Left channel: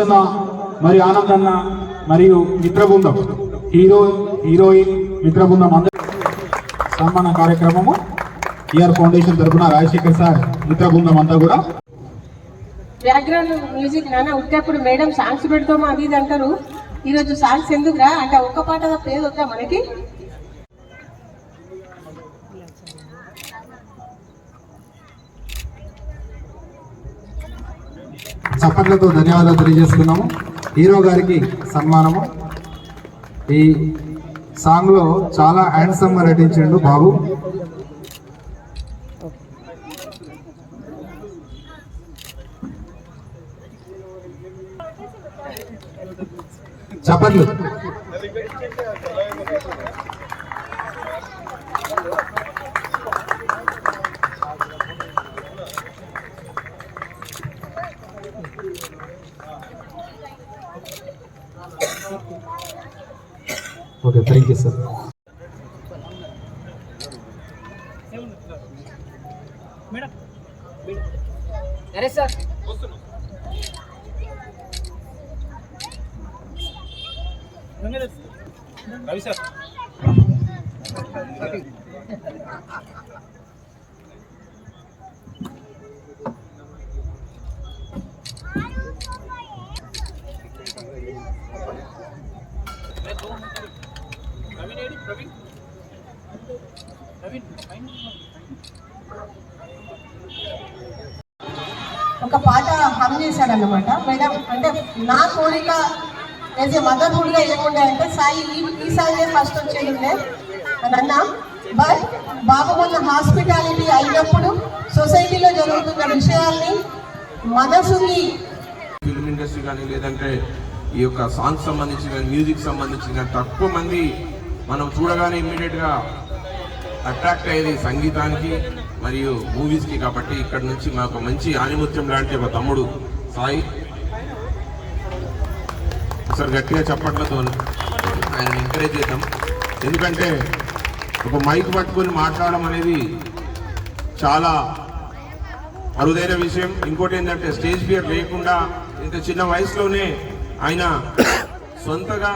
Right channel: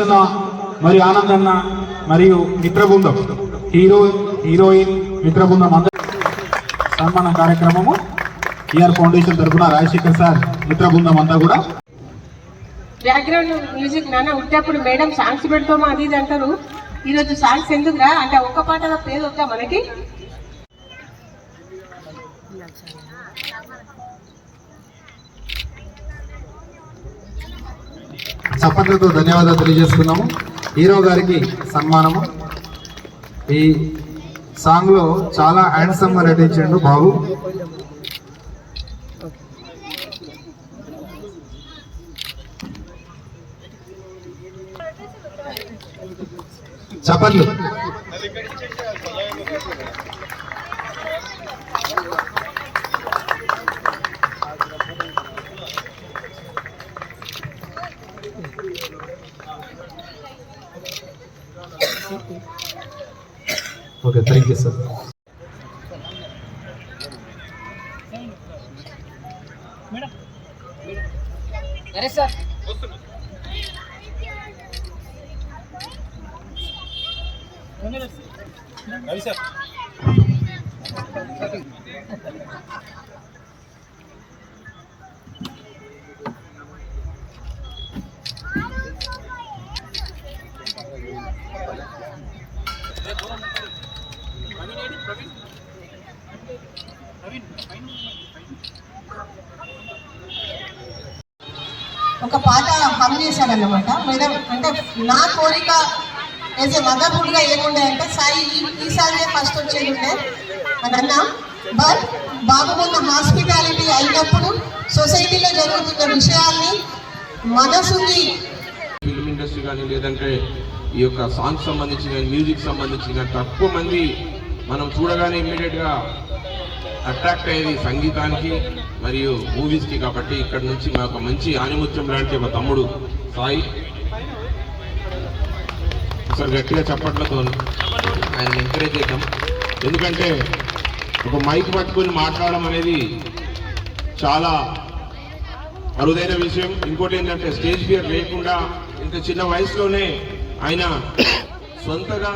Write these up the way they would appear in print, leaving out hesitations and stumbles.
ప్రసన్న మరియు ఆనందన్న మరియు మిత్ర బృందం హీరోయిన్ మిత్ర బృందం అందరూ సన్మాన కార్యక్రమము ఈఆర్ ఫౌండేషన్ తరఫున రాజశేఖర్ సార్ మిత్ర బృందం అంతా కూడా. బ్యాక్గ్రౌండ్ మ్యూజిక్ నాన్న ఉట్టేప్పుడు మేడం సాంగ్స్ పెడతామా అది ఇది అంటారు. ఈరోజు సాంగ్స్ ఎందుకురా అంటే ఒక్క పాట పేరు వద్దా మనకి. చప్పట్లతో ధన్యవాదాలు తెలియజేస్తున్నాము. హీరో గారికి సన్మానము. ఈ సాంగ్ లో చాలా హ్యాండ్సమ్ గా నటించాడు బాబు. చప్పట్లు. Okay, thank you sir. Sir Ravi sir ఒక పాట హమ్ చేశాడన్నమాట మేడం. అంటే నా కోరిక యాజ్ ఏ మదర్హుడ్గా ఏముండే అంటే సాయి ఈ సాంగే ఫస్ట్ వచ్చేది ఉండే అని అన్నా. బట్ బాబు మొన్న హాస్పిటాలిటీ అయినప్పుడు సొసైటీలో జరుగుతున్న విషయాల్ని మనసుని ఫిల్మ్ ఇండస్ట్రీ కానీ లేదంటే ఈ యొక్క సాంగ్స్ సంబంధించి కానీ మ్యూజిక్ సంబంధించి కానీ తక్కువ మంది మనం చూడగానే ఇమ్మీడియట్గా అట్రాక్ట్ అయ్యేది సంగీతానికి మరియు మూవీస్కి. కాబట్టి ఇక్కడ నుంచి మాకు మంచి ఆనిముత్యం లాంటి ఒక తమ్ముడు సాయి ఒకసారి గట్టిగా చప్పట్లతో ఆయన ఎంకరేజ్ చేద్దాం. ఎందుకంటే ఇప్పుడు మైక్ పట్టుకొని మాట్లాడడం అనేది చాలా అరుదైన విషయం. ఇంకోటి ఏంటంటే స్టేజ్ ఫియర్ లేకుండా ఇంత చిన్న వయసులోనే ఆయన సొంతగా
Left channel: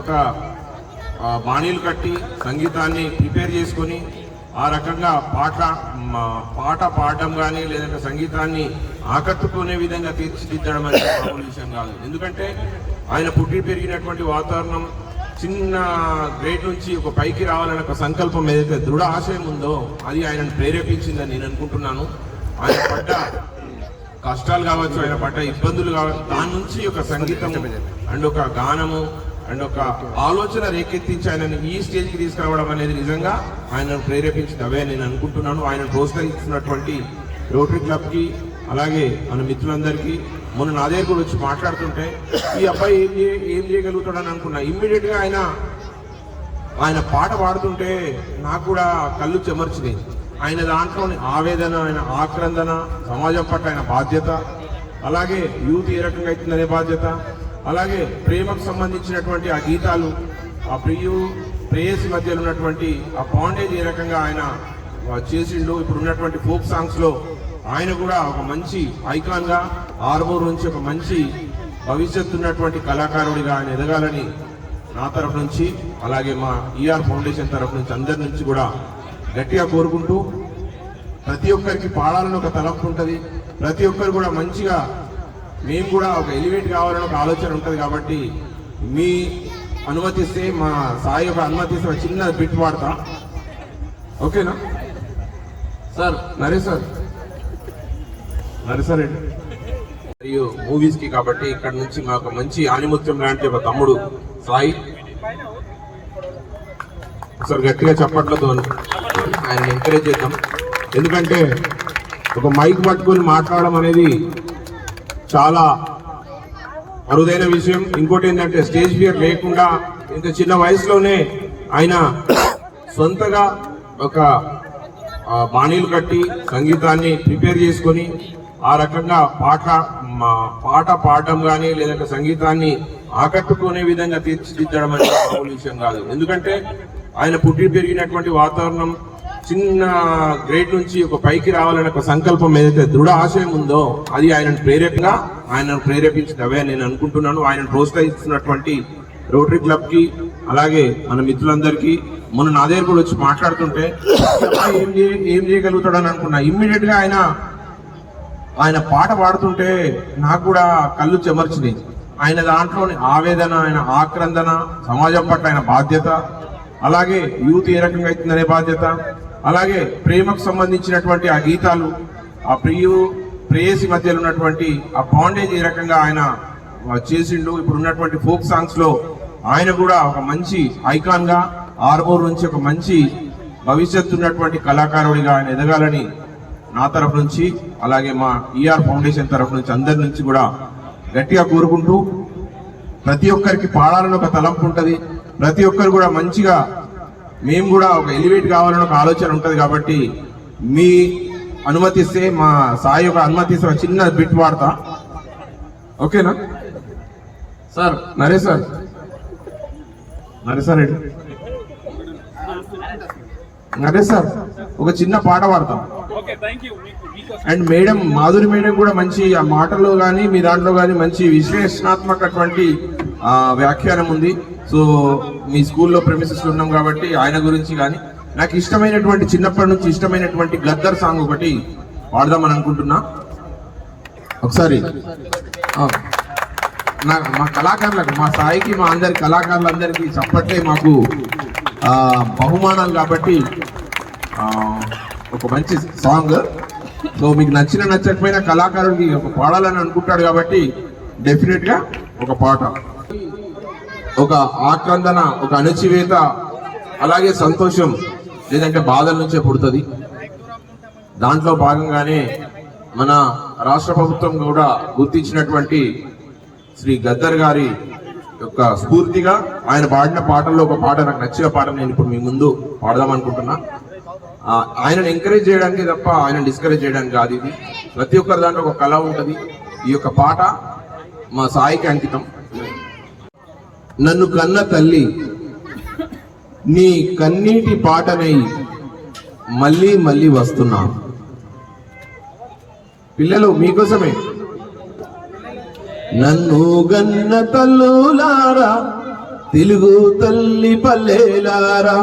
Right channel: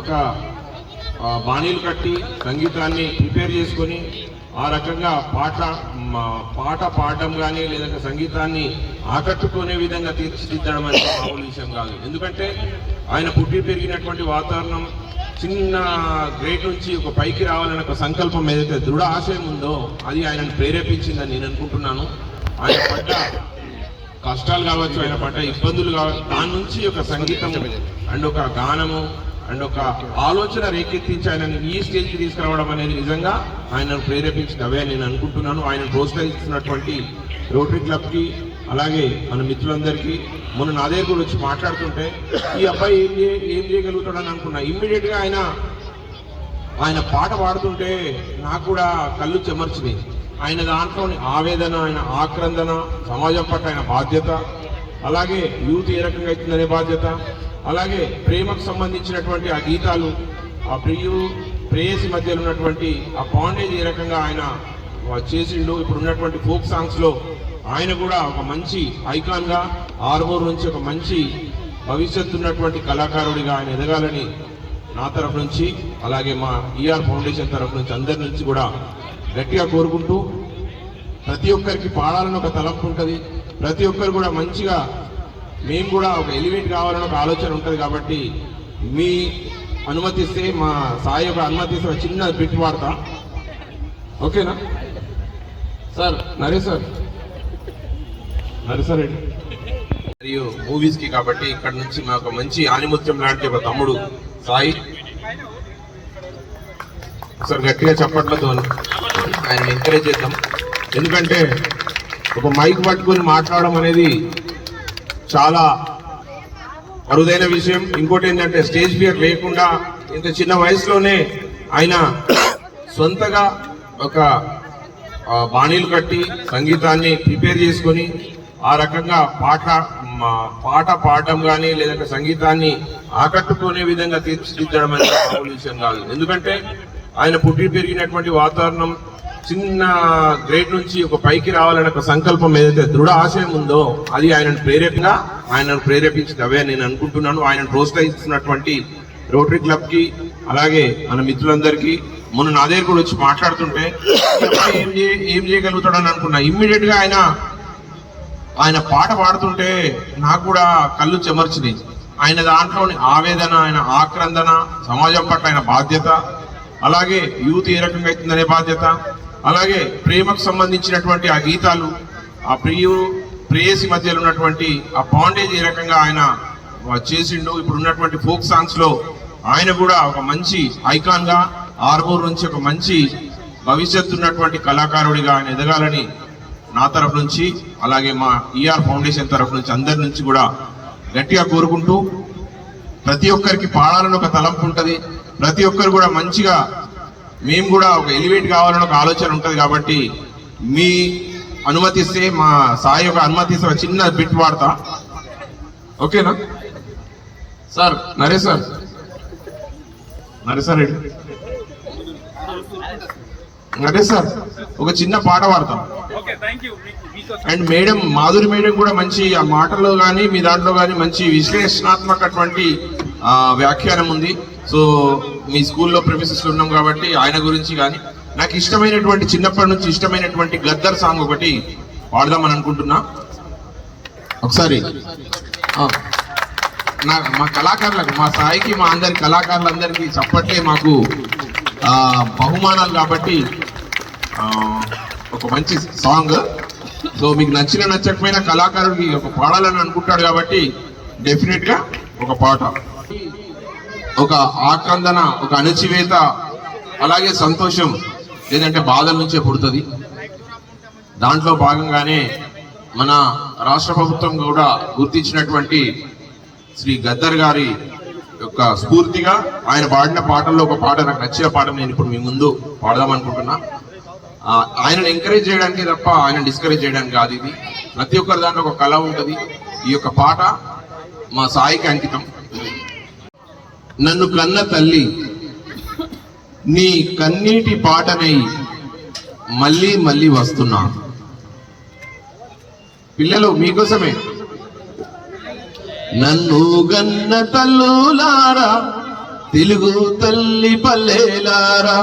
ఒక బాణీలు కట్టి సంగీతాన్ని ప్రిపేర్ చేసుకొని ఆ రకంగా పాట పాడడం కానీ లేదంటే సంగీతాన్ని ఆకట్టుకునే విధంగా తీర్చిదిద్దడం అనేది మామూలు విషయం కాదు. ఎందుకంటే ఆయన పుట్టి పెరిగినటువంటి వాతావరణం చిన్న గ్రేడ్ నుంచి ఒక పైకి రావాలనే ఒక సంకల్పం ఏదైతే దృఢ ఆశయం ఉందో అది ఆయనను ప్రేరేపించిందని నేను అనుకుంటున్నాను. ఆయన పడ్డ కష్టాలు కావచ్చు, ఆయన పడ్డ ఇబ్బందులు కావచ్చు, దాని నుంచి ఒక సంగీతం అండ్ ఒక గానము అండ్ ఒక ఆలోచన రేకెత్తించి ఆయనను ఈ స్టేజ్కి తీసుకురావడం అనేది నిజంగా ఆయనను ప్రేరేపించినవే నేను అనుకుంటున్నాను. ఆయన ప్రోత్సహిస్తున్నటువంటి రోటరీ క్లబ్కి అలాగే మన మిత్రులందరికీ మొన్న నా దగ్గర కూడా వచ్చి మాట్లాడుతుంటే ఈ అబ్బాయి ఏం చేయగలుగుతాడని అనుకున్నా. ఇమ్మీడియట్గా ఆయన పాట పాడుతుంటే నాకు కూడా కళ్ళు చెమర్చినాయి. ఆయన దాంట్లోని ఆవేదన, ఆయన ఆక్రందన, సమాజం పట్ల ఆయన బాధ్యత, అలాగే యూత్ ఏ రకంగా అవుతుందనే బాధ్యత, అలాగే ప్రేమకు సంబంధించినటువంటి ఆ గీతాలు, ఆ ప్రేయసి మధ్యలో ఉన్నటువంటి ఆ బాండేజ్ ఏ రకంగా ఆయన చేసిండు. ఇప్పుడు ఉన్నటువంటి ఫోక్ సాంగ్స్లో ఆయన కూడా ఒక మంచి ఐకాన్గా ఆర్మూర్ నుంచి ఒక మంచి భవిష్యత్తు ఉన్నటువంటి కళాకారుడిగా ఆయన ఎదగాలని నా తరఫు నుంచి అలాగే మా ఈఆర్ ఫౌండేషన్ తరఫు నుంచి అందరి నుంచి కూడా గట్టిగా కోరుకుంటూ, ప్రతి ఒక్కరికి పాడాలని ఒక తలంపు ఉంటుంది. ప్రతి ఒక్కరు కూడా మంచిగా మేము కూడా ఒక ఎలివేట్ కావాలని ఒక ఆలోచన ఉంటుంది. కాబట్టి మీ అనుమతిస్తే, మా సాయి ఒక అనుమతిస్తే ఒక చిన్న బిట్ పాడతా, ఓకేనా సార్? నరేష్ రెడ్డి మరియు మూవీస్కి. కాబట్టి ఇక్కడ నుంచి మాకు మంచి ఆనిముత్యం లాంటి ఒక తమ్ముడు సాయి ఒకసారి గట్టిగా చప్పట్లతో ఆయన ఎంకరేజ్ చేద్దాం. ఎందుకంటే ఒక మైక్ పట్టుకొని మాట్లాడడం అనేది చాలా అరుదైన విషయం. ఇంకోటి ఏంటంటే స్టేజ్ ఫియర్ లేకుండా ఇంత చిన్న వయసులోనే ఆయన సొంతగా ఒక బాణీలు కట్టి సంగీతాన్ని ప్రిపేర్ చేసుకొని ఆ రకంగా పాట పాడడం కానీ లేదంటే సంగీతాన్ని ఆకట్టుకునే విధంగా తీర్చిదిద్దడం అనేది మామూలు విషయం కాదు. ఎందుకంటే ఆయన పుట్టి పెరిగినటువంటి వాతావరణం చిన్న గ్రేడ్ నుంచి ఒక పైకి రావాలనే ఒక సంకల్పం ఏదైతే దృఢ ఆశయం ఉందో అది ఆయనను ప్రేరేపించింది అవే నేను అనుకుంటున్నాను. ఆయన ప్రోత్సహిస్తున్నటువంటి రోటరీ క్లబ్ కి అలాగే మన మిత్రులందరికీ మొన్న నా దగ్గర కూడా వచ్చి మాట్లాడుతుంటే ఏం చేయగలుగుతాడని అనుకున్నా. ఇమ్మీడియట్ గా ఆయన పాట పాడుతుంటే నాకు కూడా కళ్ళు చెమర్చినాయి. ఆయన దాంట్లోని ఆవేదన, ఆయన ఆక్రందన, సమాజం పట్ల ఆయన బాధ్యత, అలాగే యూత్ ఏ రకంగా అవుతుందనే బాధ్యత, అలాగే ప్రేమకు సంబంధించినటువంటి ఆ గీతాలు, ఆ ప్రేయసి మధ్యలో ఉన్నటువంటి ఆ బాండేజ్ ఏ రకంగా ఆయన చేసిండు. ఇప్పుడు ఉన్నటువంటి ఫోక్ సాంగ్స్ లో ఆయన కూడా ఒక మంచి ఐకాన్ గా ఆర్మూర్ నుంచి ఒక మంచి భవిష్యత్తు ఉన్నటువంటి కళాకారుడిగా ఆయన ఎదగాలని నా తరఫు నుంచి అలాగే మా ఈఆర్ ఫౌండేషన్ తరఫు నుంచి అందరి నుంచి కూడా గట్టిగా కోరుకుంటూ, ప్రతి ఒక్కరికి పాడాలని ఒక తలంపు ఉంటుంది, ప్రతి ఒక్కరు కూడా మంచిగా మేము కూడా ఒక ఎలివేట్ కావాలని ఒక ఆలోచన ఉంటుంది. కాబట్టి మీ అనుమతిస్తే మా సాయి ఒక అనుమతిస్తే ఒక చిన్న బిట్ వాడతా, ఓకేనా సార్? నరేష్ సార్ ఒక చిన్న పాట పాడతాం. అండ్ మేడం మాధురి మేడం కూడా మంచి ఆ మాటల్లో కానీ మీ దాంట్లో కానీ మంచి విశ్లేషణాత్మకటువంటి వ్యాఖ్యానం ఉంది. సో మీ స్కూల్లో ప్రెమిసెస్ ఉన్నాం కాబట్టి ఆయన గురించి కానీ నాకు ఇష్టమైనటువంటి చిన్నప్పటి నుంచి ఇష్టమైనటువంటి గద్దర్ సాంగ్ ఒకటి పాడదామని అనుకుంటున్నా. ఒకసారి మా కళాకారులకు, మా సాయికి, మా అందరి కళాకారులందరికీ చప్పట్లే మాకు బహుమానాలు కాబట్టి ఒక మంచి సాంగ్. సో మీకు నచ్చకపోయినా కళాకారుడికి ఒక పాడాలని అనుకుంటాడు కాబట్టి డెఫినెట్ గా ఒక పాట, ఒక ఆక్రందన, ఒక అణచివేత, అలాగే సంతోషం లేదంటే బాధల నుంచే పుడుతుంది. దాంట్లో భాగంగానే మన రాష్ట్ర ప్రభుత్వం కూడా గుర్తించినటువంటి శ్రీ గద్దర్ గారి యొక్క స్ఫూర్తిగా ఆయన పాడిన పాటల్లో ఒక పాట, నాకు నచ్చిన పాట నేను ఇప్పుడు మీ ముందు పాడదామనుకుంటున్నా. ఆయనను ఎంకరేజ్ చేయడానికి తప్ప ఆయన డిస్కరేజ్ చేయడానికి కాదు. ఇది ప్రతి ఒక్కరి దాంట్లో ఒక కళ ఉంటుంది. ఈ యొక్క పాట మా సాయికి అంకితం. నన్ను కన్న తల్లి నీ కన్నీటి పాటనై మళ్ళీ మళ్ళీ వస్తున్నా. పిల్లలు మీకోసమే. నన్ను గన్న తల్లులారా, తెలుగు తల్లి పల్లెలారా,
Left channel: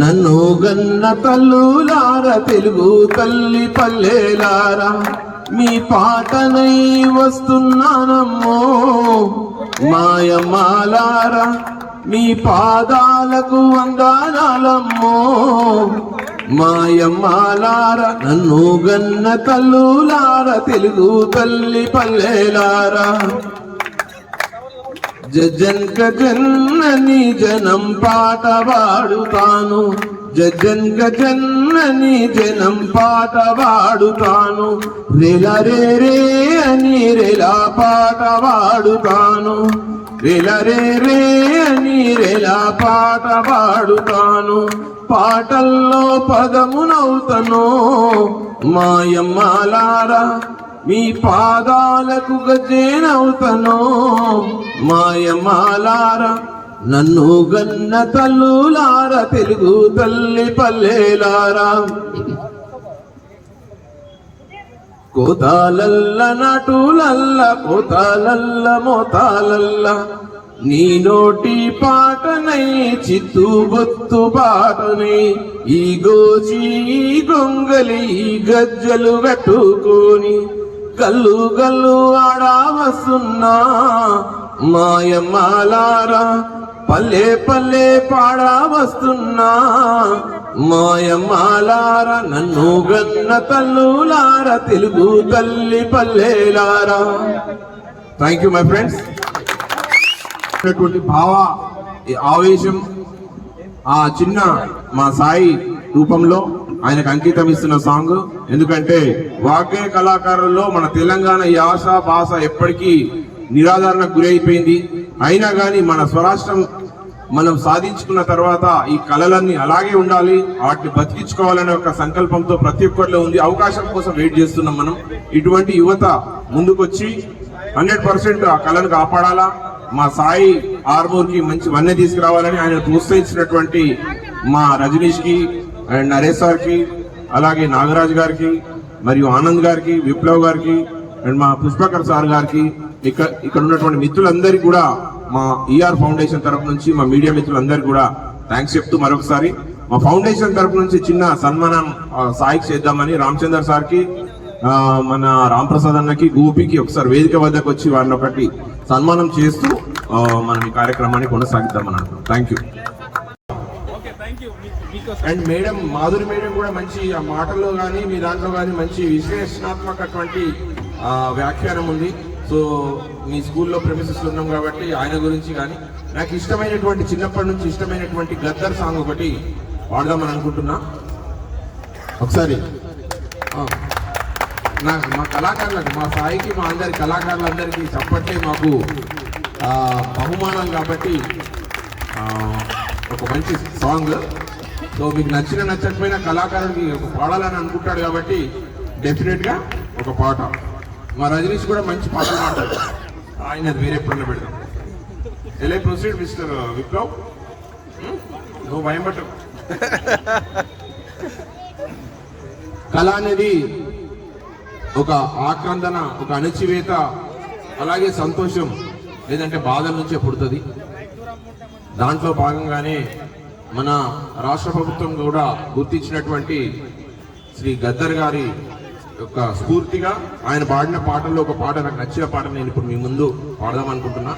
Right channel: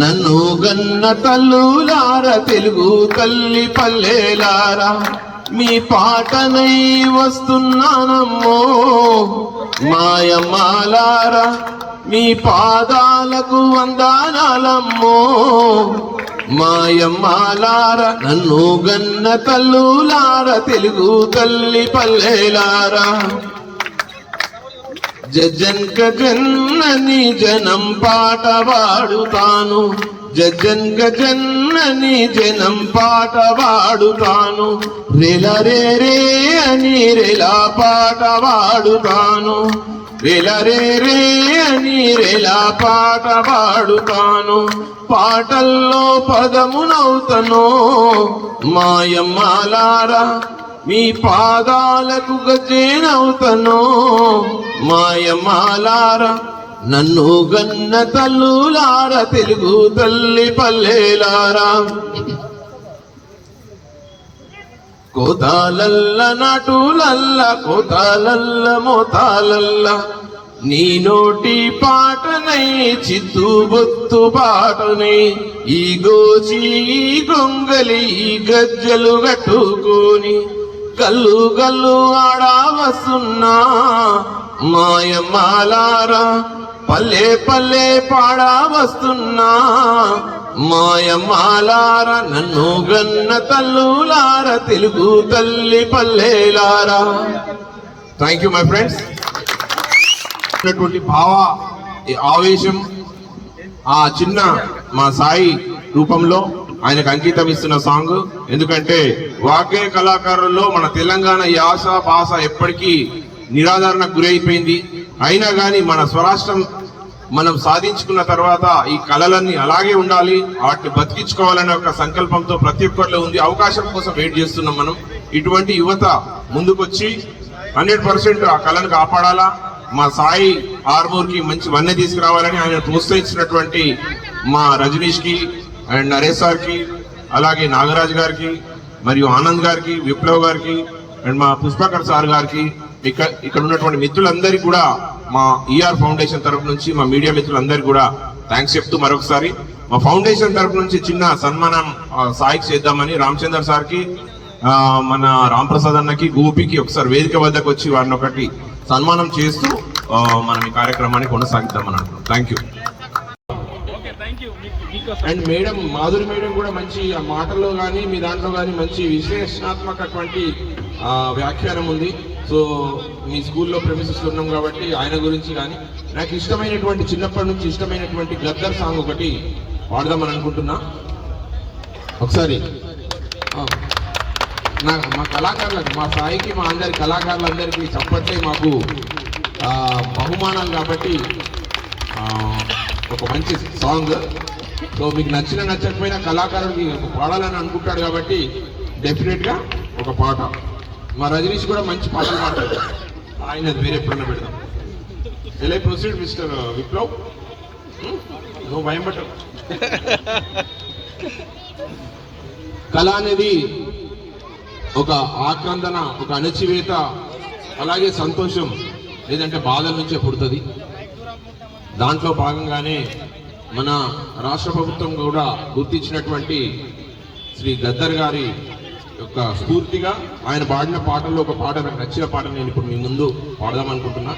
నన్ను గన్న తల్లులారా, తెలుగు తల్లి పల్లెలారా, మీ పాటనై వస్తున్నానమ్మో మాయమ్మాలారా, మీ పాదాలకు వందనాలమ్మో మాయమ్మాలారా, నన్ను గన్న తల్లులారా, తెలుగు తల్లి పల్లెలారా. జజ్జన్క జన్నని జనం పాట పాడుతాను, జజ్జన్క జన్నని జనం పాట పాడుతాను, రెల రే రే అని రెలా పాట పాడుతాను, రెల రే రే అని రెలా పాట పాడుతాను, పాటల్లో పదమునవుతను మాయమ్మాలారా, మీ పాదాలకు గజ్జేనవుతను మాయమ్మాలారా, నన్ను గన్న తల్లులారా, తెలుగు తల్లి పల్లెలారా. కోతాలల్ల నాటులల్ల, కోతాలల్ల మోతాలల్ల, నీ నోటి పాటనై చిత్తు బొత్తు పాటనై, ఈ గోచి ఈ గొంగలి ఈ గజ్జలు కట్టుకొని గల్లు గల్లు ఆడా వస్తున్నా మాయమ్మాలారా, పల్లె పల్లె పాడా వస్తున్నా మాయమ్మాలారా, నన్ను గన్న తల్లులారా, తెలుగు తల్లి పల్లెలారా. Thank you my friends. భావ ఆవేశం ఆ చిన్న మా సాయి రూపంలో ఆయనకు అంకితం ఇస్తున్న సాంగ్. ఎందుకంటే వాగ్గే కళాకారుల్లో మన తెలంగాణ యాస భాష ఎప్పటికీ నిరాదరణకు గురైపోయింది. అయినా కానీ మన స్వరాష్ట్రం మనం సాధించుకున్న తర్వాత ఈ కళలన్నీ అలాగే ఉండాలి, వాటిని బతికించుకోవాలనే ఒక సంకల్పంతో ప్రతి ఒక్కరిలో ఉంది. అవకాశం కోసం వెయిట్ చేస్తున్నాం మనం. ఇటువంటి యువత ముందుకొచ్చి 100% ఆ కళను కాపాడాలా. మా సాయి ఆర్మూర్ కి మంచి వన్నె తీసుకురావాలని ఆయన ప్రోత్సహించినటువంటి మా రజనీష్ కి, అండ్ నరేష్ సార్కి, అలాగే నాగరాజ్ గారికి, మరియు ఆనంద్ గారికి, విప్లవ్ గారికి, అండ్ మా పుష్పకర్ సార్ గారికి, ఇక్కడ ఉన్నటువంటి మిత్రులందరికీ కూడా మా ఈఆర్ ఫౌండేషన్ తరపు నుంచి, మా మీడియా మిత్రులందరికీ కూడా థ్యాంక్స్ చెప్తూ మరొకసారి మా ఫౌండేషన్ తరపు నుంచి చిన్న సన్మానం సాయికి చేద్దామని రామచందర్ సార్కి, మన రాంప్రసాద్ అన్నకి, గోపికి ఒకసారి వేదిక వద్దకు వచ్చి వారిని ఒకటి సన్మానం చేస్తూ మనం ఈ కార్యక్రమాన్ని కొనసాగిద్దామని అనుకుంటున్నాం. Thank you. And madam, Madhuri madam కూడా మంచి ఆ మాటల్లో కానీ మీ దాంట్లో కానీ మంచి విశ్లేషణాత్మకటువంటి వ్యాఖ్యానం ఉంది. సో మీ స్కూల్లో ప్రెమిసెస్లో ఉన్నాం కాబట్టి ఆయన గురించి కానీ నాకు ఇష్టమైనటువంటి, చిన్నప్పటి నుంచి ఇష్టమైనటువంటి గద్దర్ సాంగ్ ఒకటి పాడదామని అనుకుంటున్నా. ఒకసారి మా కళాకారులకు, మా సాయికి, మా అందరి కళాకారులందరికీ చప్పట్లే మాకు బహుమానాలు కాబట్టి ఒక మంచి సాంగ్. సో మీకు నచ్చకపోయినా కళాకారుడికి పాడాలని అనుకుంటాడు కాబట్టి డెఫినెట్గా ఒక పాట. మా రజనీష్ కూడా మంచి పాటలు పాడతాడు, ఆయన వేరే ఎప్పుడన్నా పెడతాం. ఎలా ప్రొసీడ్ మిస్టర్ విప్లవ్, నువ్వు భయం పట్టవు. కళ అనేది ఒక ఆక్రందన, ఒక అణచివేత, అలాగే సంతోషం లేదంటే బాధల నుంచే పుడుతుంది. దాంట్లో భాగంగానే మన రాష్ట్ర ప్రభుత్వం కూడా గుర్తించినటువంటి శ్రీ గద్దర్ గారి యొక్క స్ఫూర్తిగా ఆయన పాడిన పాటల్లో ఒక పాట, నాకు నచ్చిన పాట నేను ఇప్పుడు మీ ముందు పాడదామనుకుంటున్నా.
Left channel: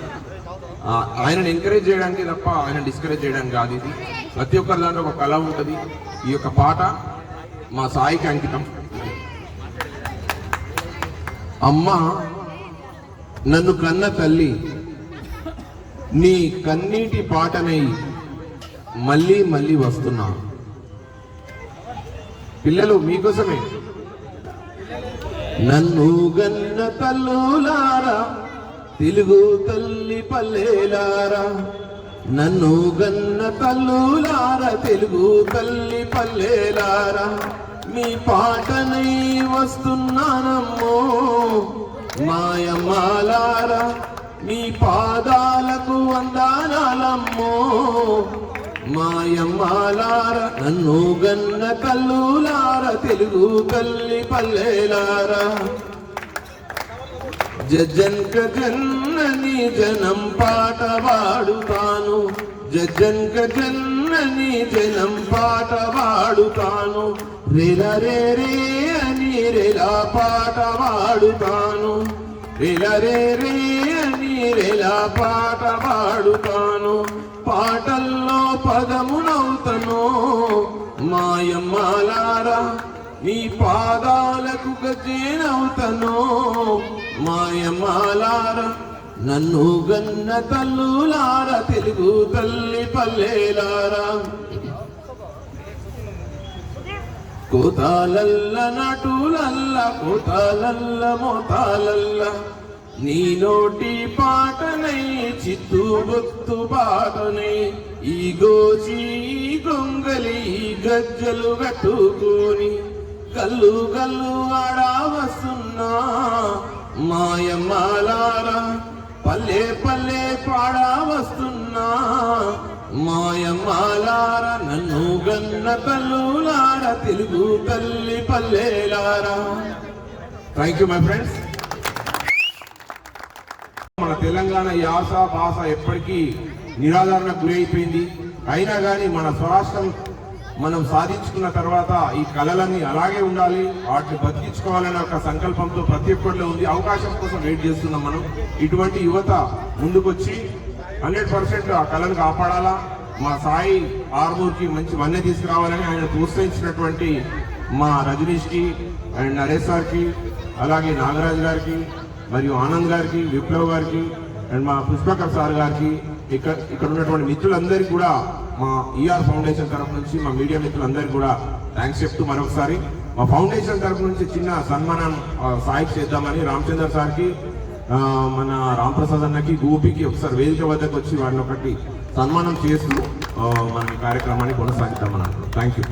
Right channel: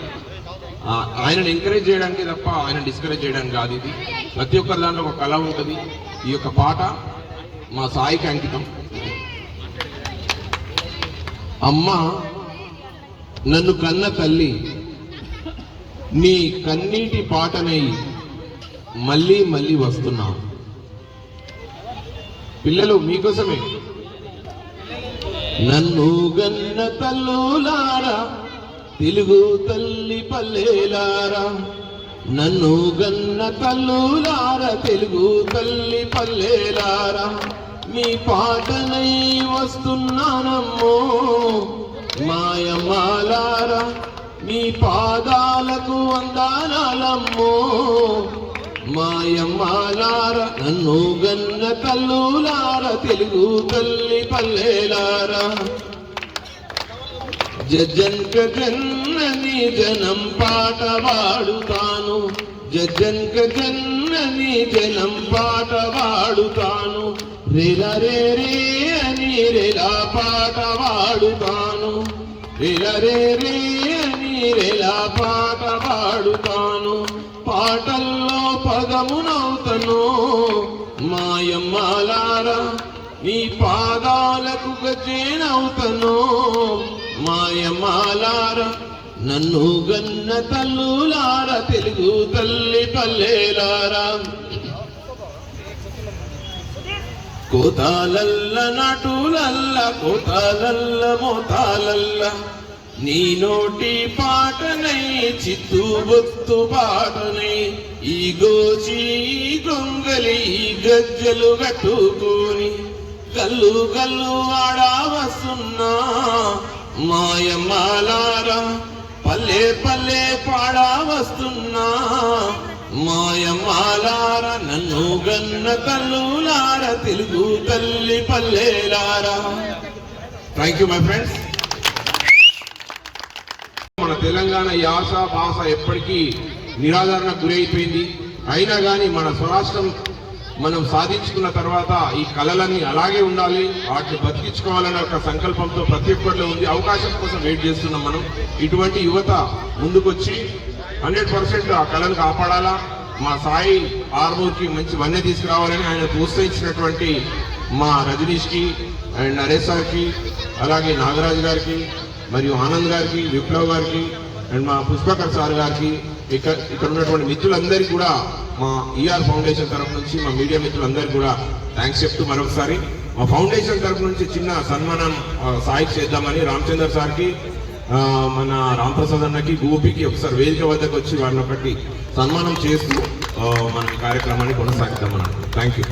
ఆయనను ఎంకరేజ్ చేయడానికి తప్ప ఆయన డిస్కరేజ్ చేయడానికి కాదు. ఇది ప్రతి ఒక్కరి దాంట్లో ఒక కళ ఉంటుంది. ఈ యొక్క పాట మా సాయికి అంకితం. అమ్మ నన్ను కన్న తల్లి, నీ కన్నీటి పాటనై మళ్ళీ మళ్ళీ వస్తున్నా. పిల్లలు మీకోసమే. నన్ను గన్న తల్లులారా, తెలుగు తల్లి పల్లెలారా, నన్ను గన్న తల్లులారా, తెలుగు తల్లి పల్లెలారా, మీ పాటనై వస్తున్నానమ్మో మాయమాలారా, మీ పాదాలకు వందనాలమ్మో మాయమాలారా, నన్ను గన్న తల్లులారా, తెలుగు తల్లి పల్లెలారా. జజ్జన్క జన్నని జనం పాట పాడుతాను, జజ్జన్క జన్నని జనం పాట పాడుతాను, రేలా రే రే అని రేలా పాట పాడుతాను, రేలా రే రే అని రేలా పాట పాడుతాను, పాటల్లో పదమునవుతను మాయమ్మాలారా, నీ పాదాలకు గజేనవుతను మాయమ్మాలారా, నన్ను గన్న తల్లులారా, తెలుగు తల్లి పల్లెలారా. కోతాలల్ల నటులల్ల, కోతాలల్ల మోతాలల్ల, నీ నోటి పాటనై చిత్తు బొత్తు పాటనై, ఈ గోచి గొంగలి గజ్జలు కట్టుకొని కల్లు కల్లు ఆడా వస్తున్నా మాయమ్మాలారా, పల్లె పల్లె పాడా వస్తున్నా మాయమ్మాలారా, నన్ను గన్న తల్లులారా, తెలుగు తల్లి పల్లెలారా. Thank you my friends. మన తెలంగాణ యాస భాష ఎప్పటికీ నిరాదరణకు గురైపోయింది. అయినా కానీ మన స్వరాష్ట్రం మనం సాధించుకున్న తర్వాత ఈ కళలని అలాగే ఉండాలి, వాటిని బతికించుకోవాలనే ఒక సంకల్పంతో ప్రతి ఒక్కరిలో ఉంది. అవకాశం కోసం వెయిట్ చేస్తున్నాం మనం. ఇటువంటి యువత ముందుకొచ్చి 100% ఆ కళను కాపాడాలా. మా సాయి ఆర్మూర్కి మంచి వన్నె తీసుకురావాలని ఆయన ప్రోత్సహించినటువంటి మా రజనీష్కి అండ్ నరేష్ సార్కి, అలాగే నాగరాజ్ గారికి, మరియు ఆనంద్ గారికి, విప్లవ్ గారికి, అండ్ మా పుష్పకర్ సార్ గారికి, ఇక్కడ ఉన్నటువంటి మిత్రులందరికీ కూడా మా ఈఆర్ ఫౌండేషన్ తరఫు నుంచి, మా మీడియా మిత్రులందరికీ కూడా థ్యాంక్స్ చెప్తూ మరొకసారి మా ఫౌండేషన్ తరఫు నుంచి చిన్న సన్మానం సాయికి చేద్దామని రామచందర్ సార్కి, మన రాంప్రసాద్ అన్నకి, గోపికి ఒకసారి వేదిక వద్దకు వచ్చి వారిని ఒకటి సన్మానం చేస్తూ మన కార్యక్రమాన్ని కొనసాగిద్దామని. Thank you.